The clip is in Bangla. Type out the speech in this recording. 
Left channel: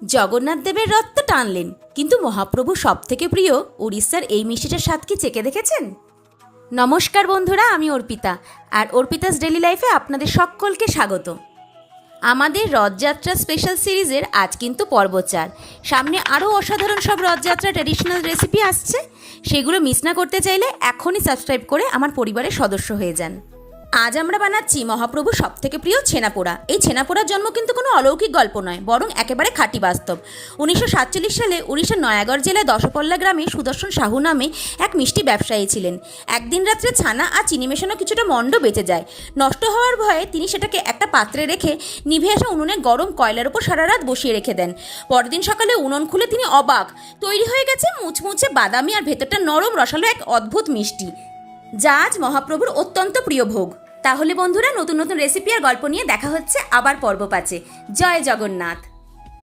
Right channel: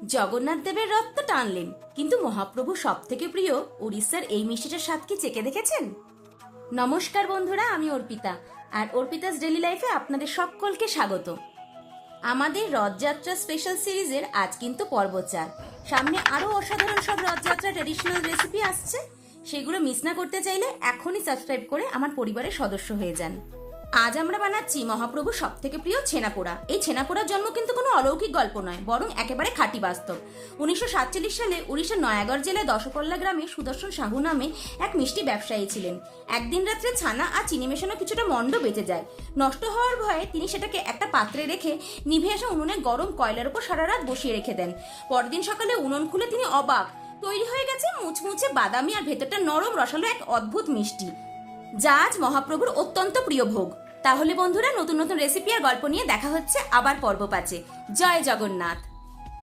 জগন্নাথ দেবের রথ তো টানলেন, কিন্তু মহাপ্রভু সব থেকে প্রিয় উড়িষ্যার এই মিষ্টিটার স্বাদ কি চেখে দেখেছেন? নমস্কার বন্ধুরা, আমি অর্পিতা, আর অর্পিতাস ডেলি লাইফে আপনাদের সকলকে স্বাগত। আমাদের রথযাত্রা স্পেশাল সিরিজের আজ কিন্তু পর্ব 4। সামনে আরও অসাধারণ সব রথযাত্রা ট্র্যাডিশনাল রেসিপি আসছে, সেগুলো মিস না করতে চাইলে এখনই সাবস্ক্রাইব করে আমার পরিবারের সদস্য হয়ে যান। আজ আমরা বানাচ্ছি মহাপ্রভু সব থেকে প্রিয় ছেনাপোড়া। এই ছেনাপোড়ার জন্ম কিন্তু কোনো অলৌকিক গল্প নয়, বরং একেবারে খাঁটি বাস্তব। 1947 সালে উড়িষ্যার নয়াগড় জেলায় দশপল্লা গ্রামে সুদর্শন সাহু নামে এক মিষ্টি ব্যবসায়ী ছিলেন। একদিন রাত্রে ছানা আর চিনি মেশানো কিছুটা মণ্ড বেঁচে যায়। নষ্ট হওয়ার ভয়ে তিনি সেটাকে একটা পাত্রে রেখে নিভে আসা উনুনে গরম কয়লার উপর সারা রাত বসিয়ে রেখে দেন। পরদিন সকালে উনুন খুলে তিনি অবাক, তৈরি হয়ে গেছে মুচমুচে বাদামি আর ভেতরটা নরম রসালো এক অদ্ভুত মিষ্টি, যা আজ মহাপ্রভুর অত্যন্ত প্রিয় ভোগ। তাহলে বন্ধুরা, নতুন নতুন রেসিপি আর গল্প নিয়ে দেখা হচ্ছে আবার পর্ব 5-এ। জয় জগন্নাথ।